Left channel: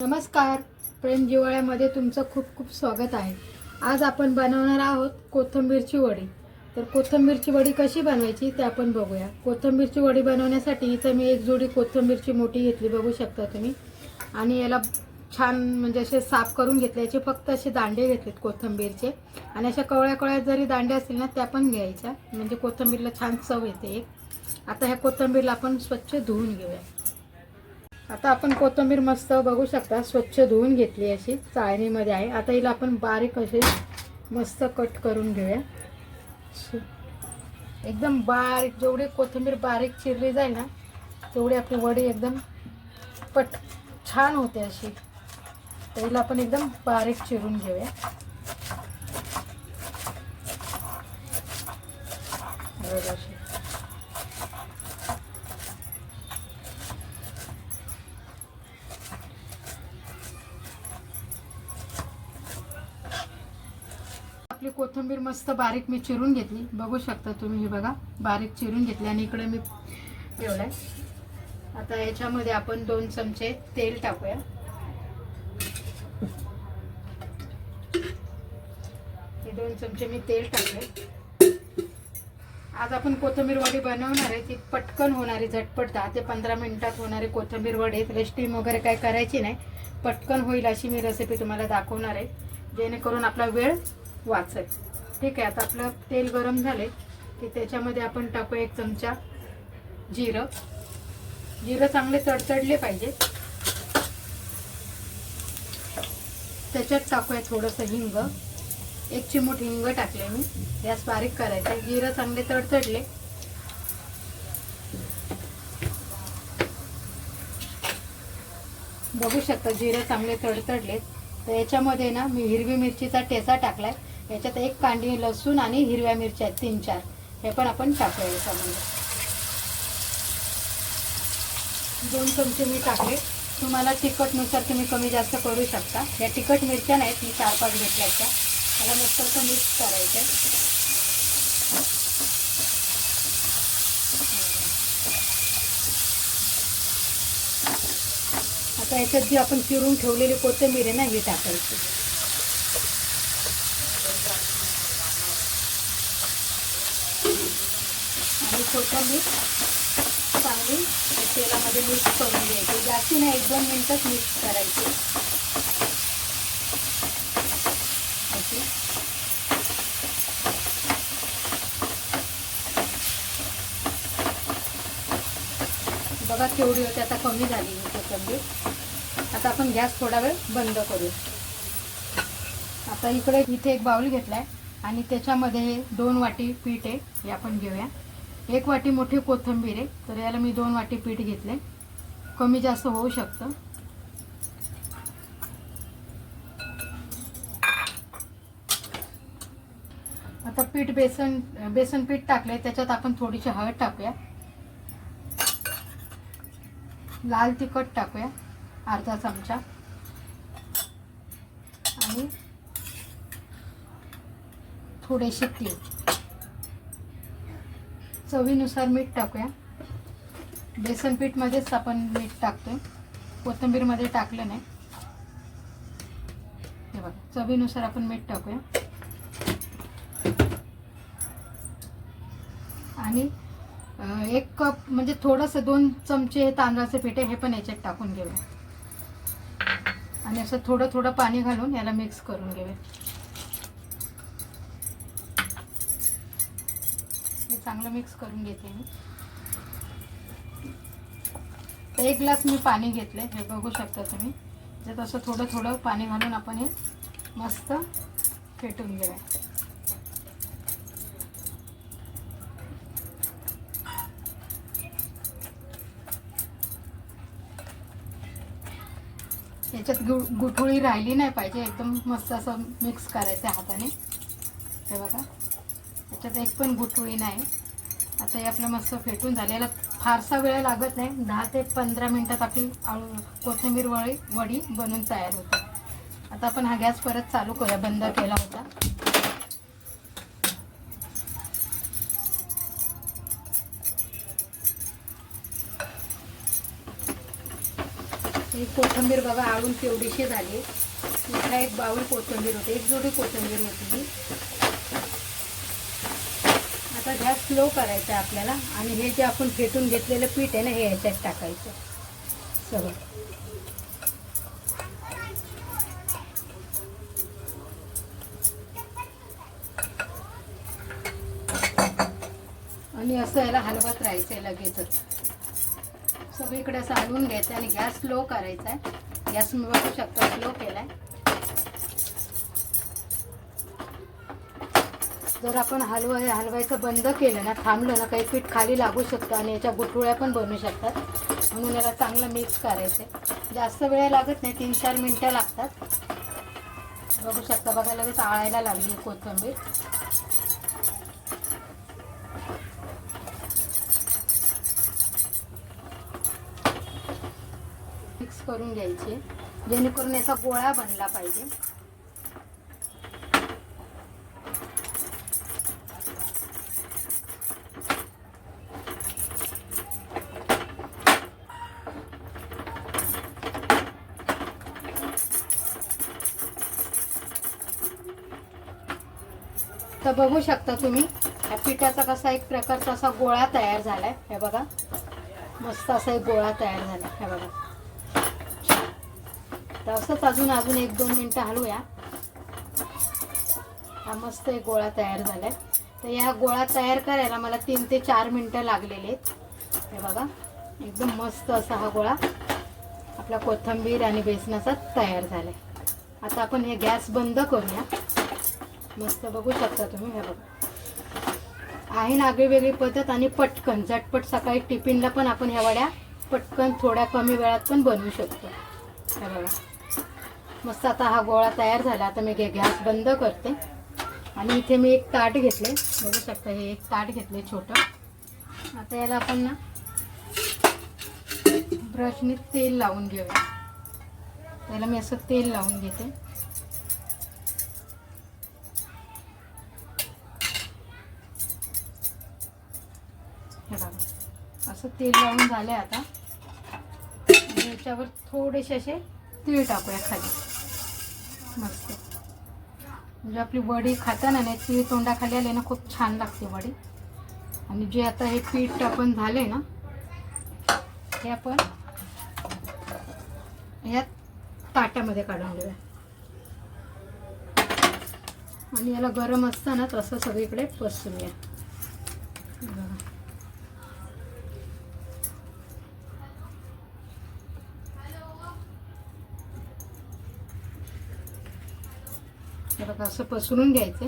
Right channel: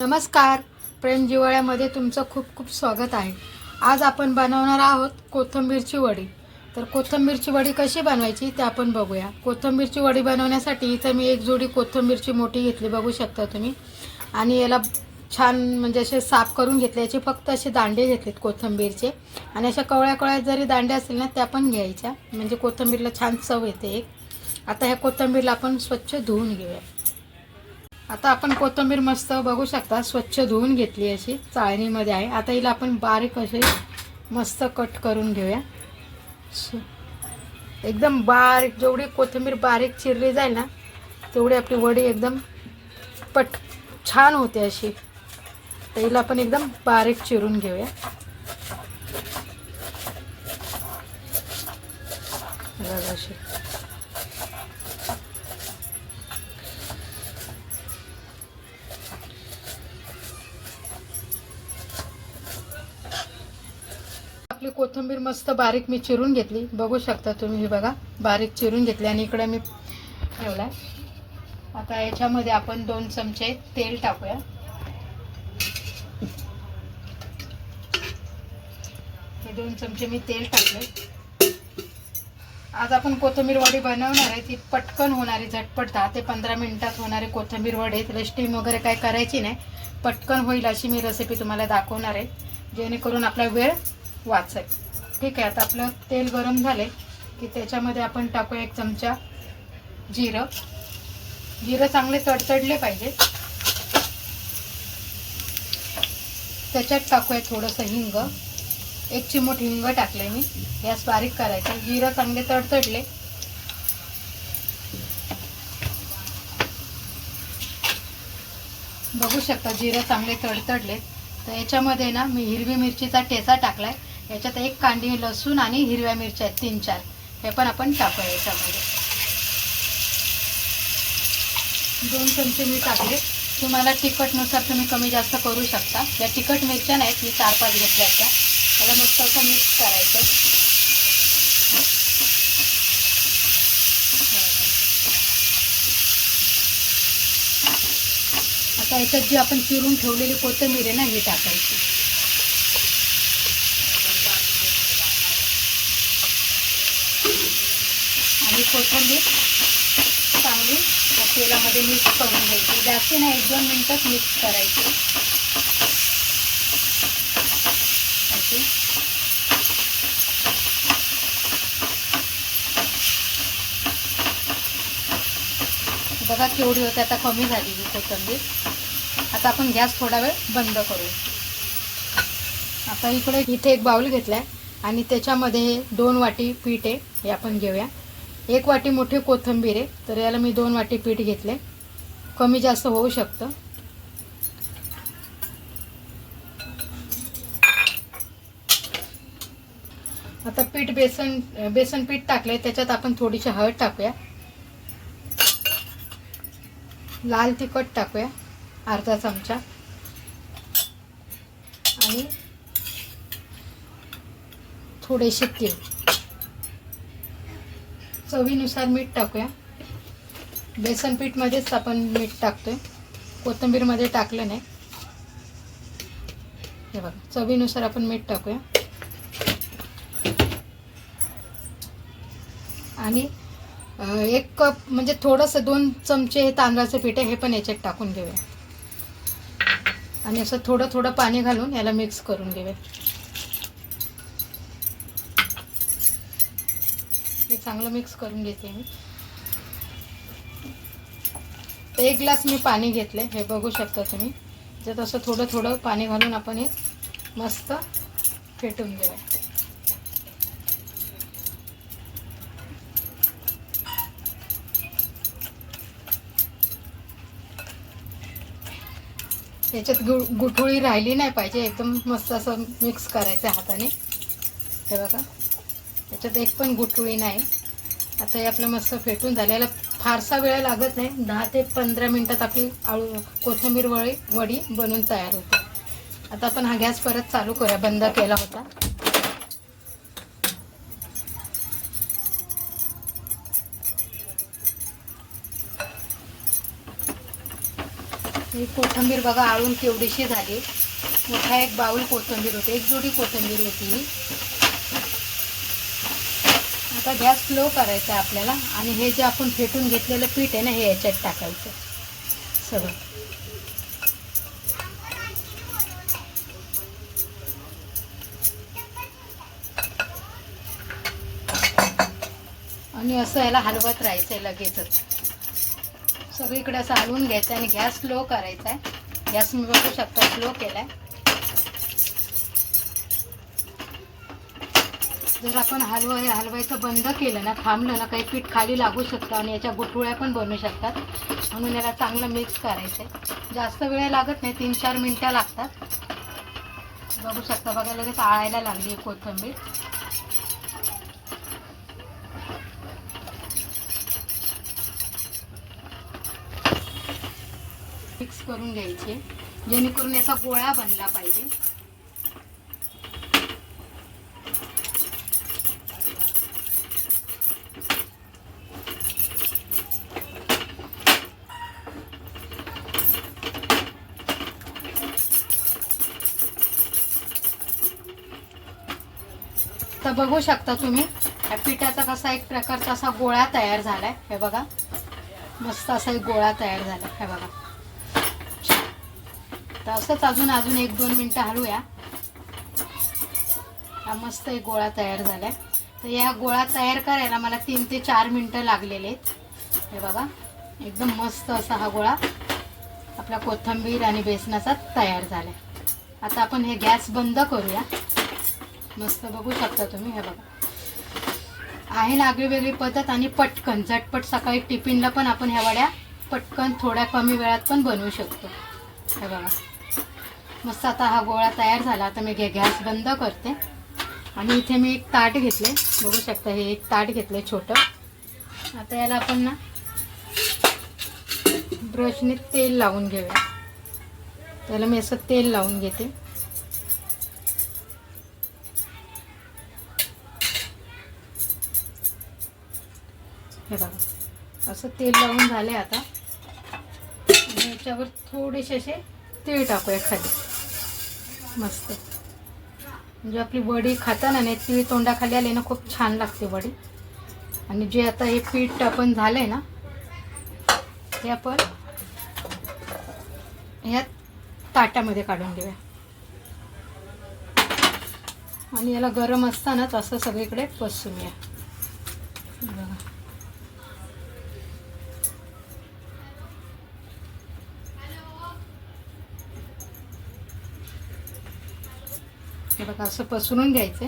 नमस्कार, प्रेम जिव्हाळ्यामध्ये तुमचं खूप खूप स्वागत आहे। आज आपण बनवणार आहोत कोथिंबीरची वडी। तर कोथिंबीरची वडी कशी बनवायची ते आपण बघूया। कोथिंबीरची वडी बनवण्यासाठी इथे मी एक जोडी कोथिंबीरची मोठी घेतली, बघू शकता तुम्ही। आणि याला छान म्हणजे असे साफ करून घेतले। याचे फक्त असे दांडे घेतलेत कोथिंबीरचे, आणि अशा कवळ्या कवळ्या जरी दांडे असतील ना त्या पण घ्यायच्या, म्हणजे कोथिंबीरला छान चव येते। आता ह्या कोथिंबीरला आपण स्वच्छ धुवून घेऊया। आता आपण कोथिंबीर मस्त बघू शकता स्वच्छ धुवून घेतली, अशी चाळणीमध्ये आहे। आता हिला आपण बारीक असे मस्त कट करून घेऊया। एकदम बारीक, जेवढी कोथिंबीर बारीक चिरली जाईल ना तेवढी आपली वडी एकदम छान होते अशी। तर हिला आपण एकदम बारीक चिरून घेऊया। अशी आपली कोथिंबीर मस्त बारीक मी चिरून घेतली, बघू शकता तुम्ही। हे बघा बारीक चिरून घेतली आणि इकडे मी ठेवलाय। आता याच्यामध्ये आपण 2 चमचे तेल टाकूया। हे 2 चमचे मी तेल टाकले। आज आपण कोथिंबीर वडी बनवणार आहे, ती पटकन होणारी, झटपट 10 ते 15 मिनिटात होणारी कोथिंबीर वडी। रेस्टिंग वगैरे काय करायची नाही, पटकन होईल अशी मी रेसिपी तुम्हाला दाखवणार आहे, जेणेकरून आपला वेळ वाचेल। ठीक आहे। आता आपलं तेल गरम झाले की त्याच्यामध्ये आपण टाकूया 1 चमचा जिरं। जिरं चांगले तडतडले पाहिजे। त्याच्यात टाकूया थोडंसं हिंग, 1 चिमूट हिंग टाकले मी। गॅस बारीक करायचा। जिरं चांगले तडतडले बघू शकता, जिरं चांगले तडतडले। तर याच्यामध्ये ना मी हिरवी मिरचीचा ठेचा टाकलाय। याच्यात 1 कांडी लसूण आणि हिरव्या मिरच्या 3-4 हे पण आपण टाकूया याच्यामध्ये। 2 चमचे मी टाकले। तुम्हाला तिखटनुसार तुम्ही कमी जास्त करू शकता। या तिखट मिरच्या नाहीत, मी 4-5 घेतल्या त्या। मला मस्त असं मिक्स करायचं। आता याच्यात जी आपण चिरून ठेवलेली कोथिंबीर आहे ना, हे टाकायची। आणि कोथिंबीर चांगली तेलामध्ये मिक्स करून द्यायची। जास्ती नाही, 1-2 मिनिटच मिक्स करायची अशी। बघा केवढी होते, आता कमी झाली कोथिंबीर। आता आपण गॅस थोडा वेळ बंद करूया। आता इथे एक बाउल घेतलाय आणि त्याच्यामध्ये हे 2 वाटी पीठ आहे, हे आपण घेऊया। 1 वाटी मोठी कोथिंबीर आहे, तर याला मी 2 वाटी पीठ घेतले। कमी जास्त होऊ शकतं। आता बेसन पीठ टाकलंय, त्याच्यात आपण थोडीशी हळद टाकूया। लाल तिखट टाकूया अर्धा चमचा, आणि थोडेसे तीळ। चवीनुसार मीठ टाकूया। बेसन पीठ मध्येच आपण मीठ टाकतोय, कोथिंबीर मध्ये टाकलं नाही। हे बघा, चवीनुसार आपण मीठ टाकूया। आणि 1 कप म्हणजे थोडंसं 2 चमचे हे तांदळाचं पीठ आहे, हे पण याच्यात टाकून घेऊया। आणि असं थोडं थोडं पाणी घालून याला मिक्स करून घेऊया। हे चांगलं मिक्स करून घेते मी। 1 ग्लास मी पाणी घेतले, हे बघू शकता तुम्ही। त्यात असं थोडं थोडं पाणी घालून आपण हे मस्त फेटून घेऊया। त्याच्यात गुठळी राहिली नाही पाहिजे, एकदम मस्त असं मिक्स करायचं हाताने। हे बघा, त्याच्यात 1 पण गुठळी नाही। आता हे आपलं मस्त फेटून झालेलं, फारसा वेळ लागत नाही, 10 ते 15 मिनिटात आपली कोथिंबीर वडी बनून तयार होते। आता आपण हा गॅस परत चालू करूया, बंद केला होता। ही कोथिंबीर बघा आळून केवढीशी झाली. मोठा एक बाऊल कोथिंबीर होते, एक जोडी कोथिंबीर होती. आता गॅस स्लो करायचा आहे आपल्याला आणि हे जे आपण फेटून घेतलेलं पीठ आहे ना हे याच्यात टाकायचं सगळं. आणि असं याला हलवत राहायचं आहे लगेचच. सगळीकडे असं हलवून घ्यायचं आणि गॅस स्लो करायचा आहे. गॅस मी बघू शकता स्लो केलाय. जर आपण हलवायचं बंद केलं ना, थांबलं ना, काही पीठ खाली लागू शकतं आणि याच्या गुठळ्या पण बनू शकतात. म्हणून याला चांगलं मिक्स करायचं आहे. जास्त वेळ लागत नाही, 3-4 मिनटं लागतात. बघू शकता बघा लगेच आळायला लागली कोथिंबीर. मिक्स करून घ्यायचे जेणेकरून याचा गोळा बनला पाहिजे. तर बघू शकता तुम्ही या पिठाचा कसा एक प्रकारचा असा गोळा तयार झालाय. हे बघा मस्त असा एक गोळा तयार झाला. हे बघा तर असंच अजून 1-2 मिनटं हलवूया. हा मस्त एक गोळा तयार झालाय. तर या गोळा तयार करायला मला 3 ते 4 मिनटं लागलेले आहेत. हे बघा एकदम मस्त असा हा गोळा आपला कोथिंबीर आणि बेसनाचा तयार झालाय. आता आपण हे गॅस बंद करूया. मस्त बघू शकता तुम्ही. हे बघा आहे ना आगळीवेगळी पद्धत आणि पटकन झटपट सकाळी टिफिनला पण आपण ह्या वड्या पटकन थोड्या कमी वेळात पण बनवू शकतो. हे बघा मस्त आता हा गोळा तयार झाला. आता मी गॅस बंद करते आणि इथे मी एक ताट घेतले. बघू शकता हे एक ताट घेतले छोटं. आता याला आपण ना ब्रशने तेल लावून घेऊया. त्याला मी असं तेल लावून घेते. हे बघा असं तेल लावून झाले. आता याच्यावर थोडेसे असे तीळ टाकूया खाली. मस्त म्हणजे आपली वडी खाताना नाही तीळ तोंडाखाली आले ना खूप छान लागते वडी. आणि जे आता हे पीठ आपण झालंय ना हे आपण या ताटामध्ये काढून घेऊया आणि याला गरम असतानाच असं सगळीकडे पसरूया. हे बघा असं पसरून घ्यायचं.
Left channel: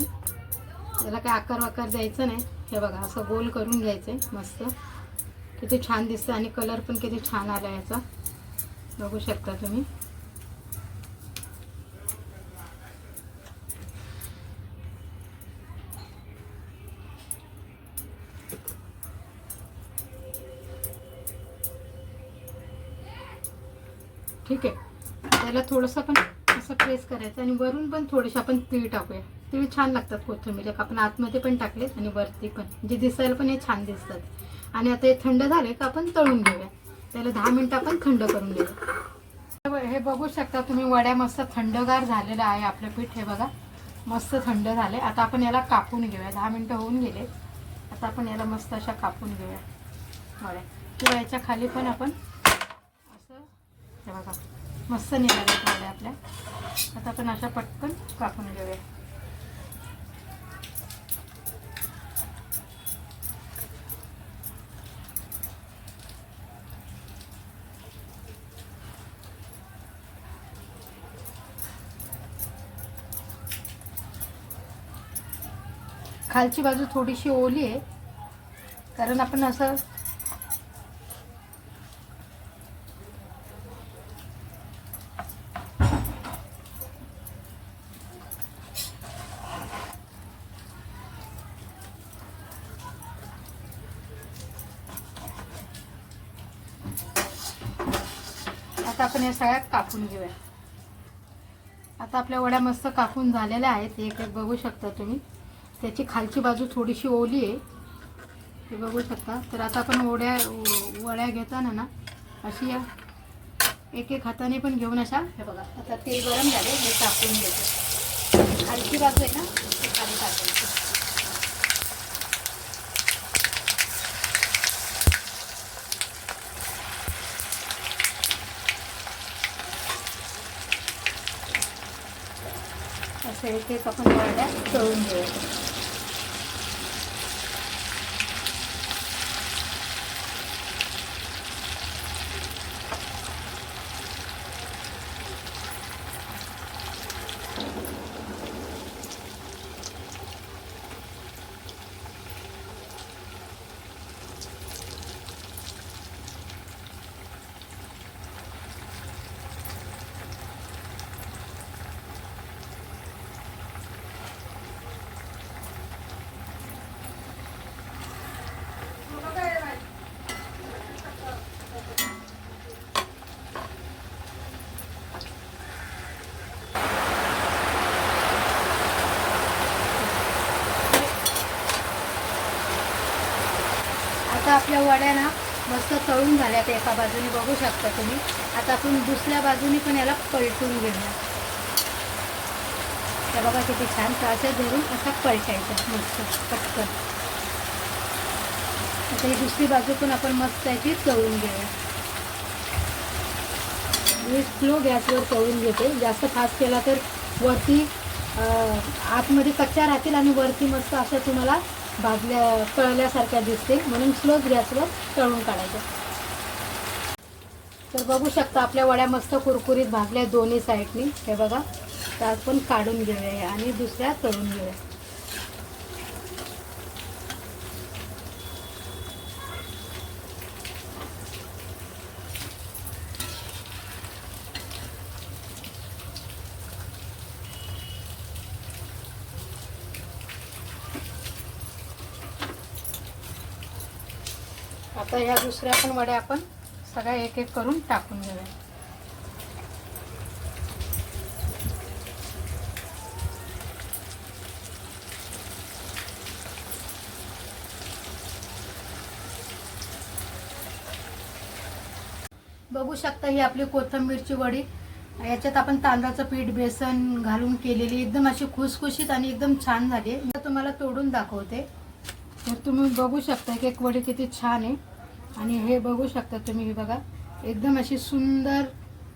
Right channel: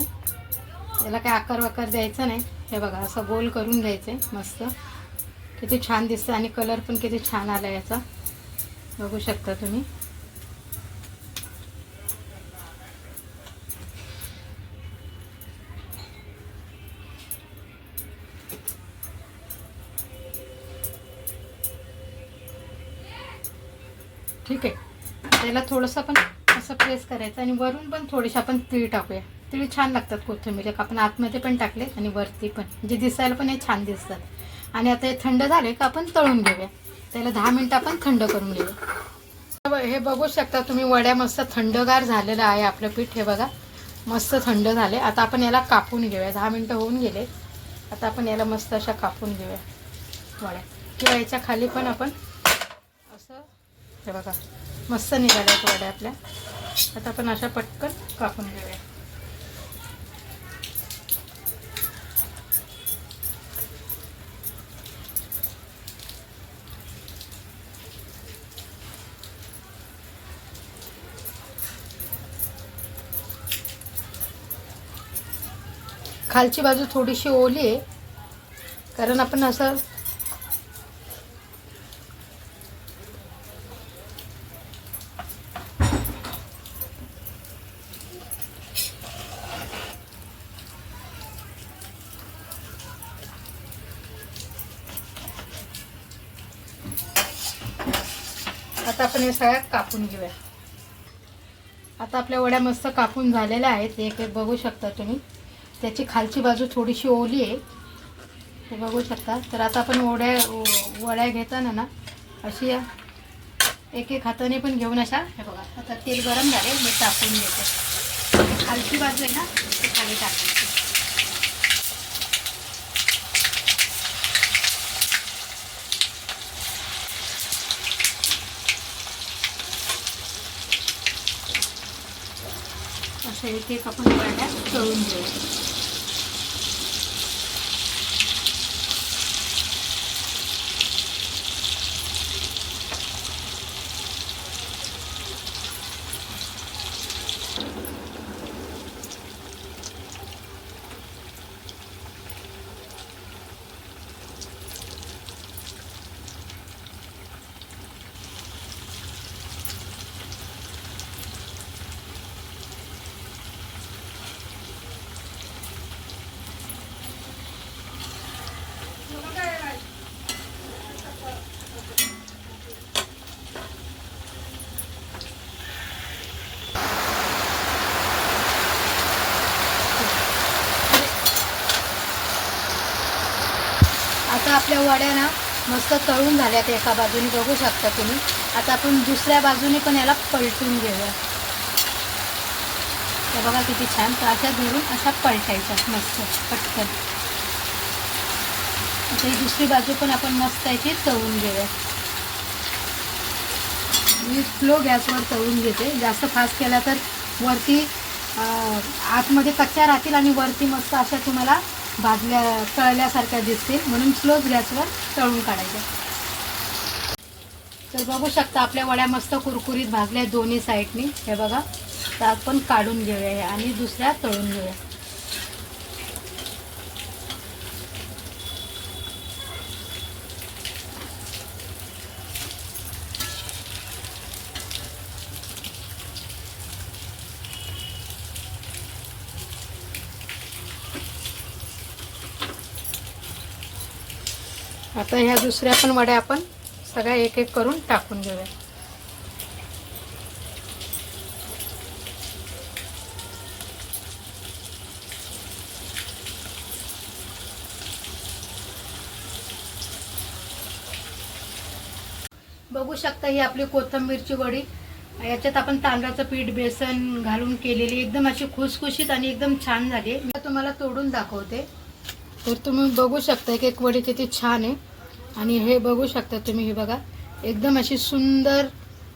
याला काय आकार वाकार द्यायचा नाही. हे बघा असं गोल करून घ्यायचं. मस्त किती छान दिसते आणि कलर पण किती छान आला याचा. बघू शकता तुम्ही. ठीक आहे त्याला थोडंसं पण असं प्रेस करायचं आणि वरून पण थोडेसे आपण तीळ टाकूया. तीळ छान लागतात कोथिंबीर. आपण आतमध्ये पण टाकले आणि वरती पण म्हणजे दिसायला पण हे छान दिसतात. आणि आता हे थंड झाले का आपण तळून घेऊया. त्याला 10 मिनिटं आपण थंड करून घेऊया. हे बघू शकता तुम्ही वड्या मस्त थंडगार झालेलं आहे आपलं पीठ. हे बघा मस्त थंड झाले. आता आपण याला कापून घेऊया. 10 मिनिटं होऊन गेले. आता आपण याला मस्त अशा कापून घेऊया वड्या. किंवा याच्या खाली पण आपण असं हे बघा मस्त निघाल्यात वड्या आपल्या. आता आपण अशा पटकन कापून घेऊया. खालची बाजू थोडीशी ओली आहे कारण आपण असं आता आपण हे सगळ्यात कापून घेऊया. आता आपल्या वड्या मस्त कापून झालेल्या आहेत. एक एक बघू शकता तुम्ही. त्याची खालची बाजू थोडीशी ओली आहे हे बघू शकता. तर आता आपण वड्या घेताना ना अशी एक एक हाताने पण घेऊन अशा, हे बघा आता तेल गरम झाले, मी टाकून घेते. खालची बाजू आहे ना ती खाली टाकायची. असे एक एक आपण वड्या तळून घेऊया. आता आपल्या वड्या ना मस्त तळून झाल्यात एका बाजूने, बघू शकता तुम्ही. आता आपण दुसऱ्या बाजूने पण याला पलटून घेऊया. हे बघा किती छान. तर अशा धरून अशा पलटायच्यात मस्त पटकन. ही दुसरी बाजू पण आपण मस्त याची तळून घेऊया. मी स्लो गॅसवर तळून घेते. जास्त फास्ट केला तर वरती आतमध्ये कच्च्या राहतील आणि वरती मस्त अशा तुम्हाला भाजल्या तळल्यासारख्या दिसतील, म्हणून स्लोच गॅसवर तळून काढायच्या. तर बघू शकता आपल्या वड्या मस्त कुरकुरीत भाजल्या दोन्ही साईडनी. हे बघा, तर आपण काढून घेऊया आणि दुसऱ्या तळून घेऊया. आता ह्या दुसऱ्या पण वड्या आपण सगळ्या एक एक करून टाकून घेऊया. बघू शकता ही आपली कोथिंबीरची वडी. याच्यात आपण तांदळाचं पीठ बेसन घालून केलेली, एकदम अशी खुसखुशीत आणि एकदम छान झाली. मी तुम्हाला तोडून दाखवते. तर तुम्ही बघू शकता की एक वडी किती छान आहे. आणि हे बघू शकता तुम्ही, हे बघा एकदम अशी सुंदर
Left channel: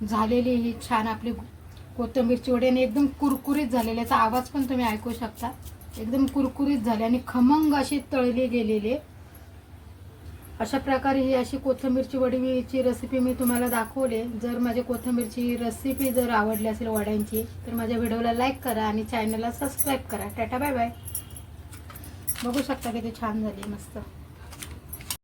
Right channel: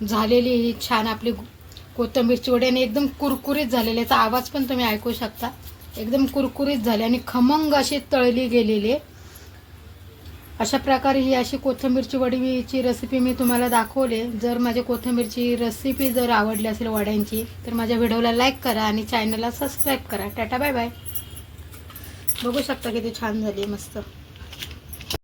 झालेली ही छान आपली कोथिंबीरची वडी आणि एकदम कुरकुरीत झालेली. याचा आवाज पण तुम्ही ऐकू शकता. एकदम कुरकुरीत झाली आणि खमंग अशी तळली गेलेली आहे. अशा प्रकारे ही अशी कोथिंबीरची वडीची रेसिपी मी तुम्हाला दाखवली. जर माझी कोथिंबीरची रेसिपी जर आवडली असेल वड्यांची, तर माझ्या व्हिडिओला लाईक करा आणि चॅनलला सबस्क्राईब करा. Tata bye bye. बघू शकता किती छान झाली मस्त.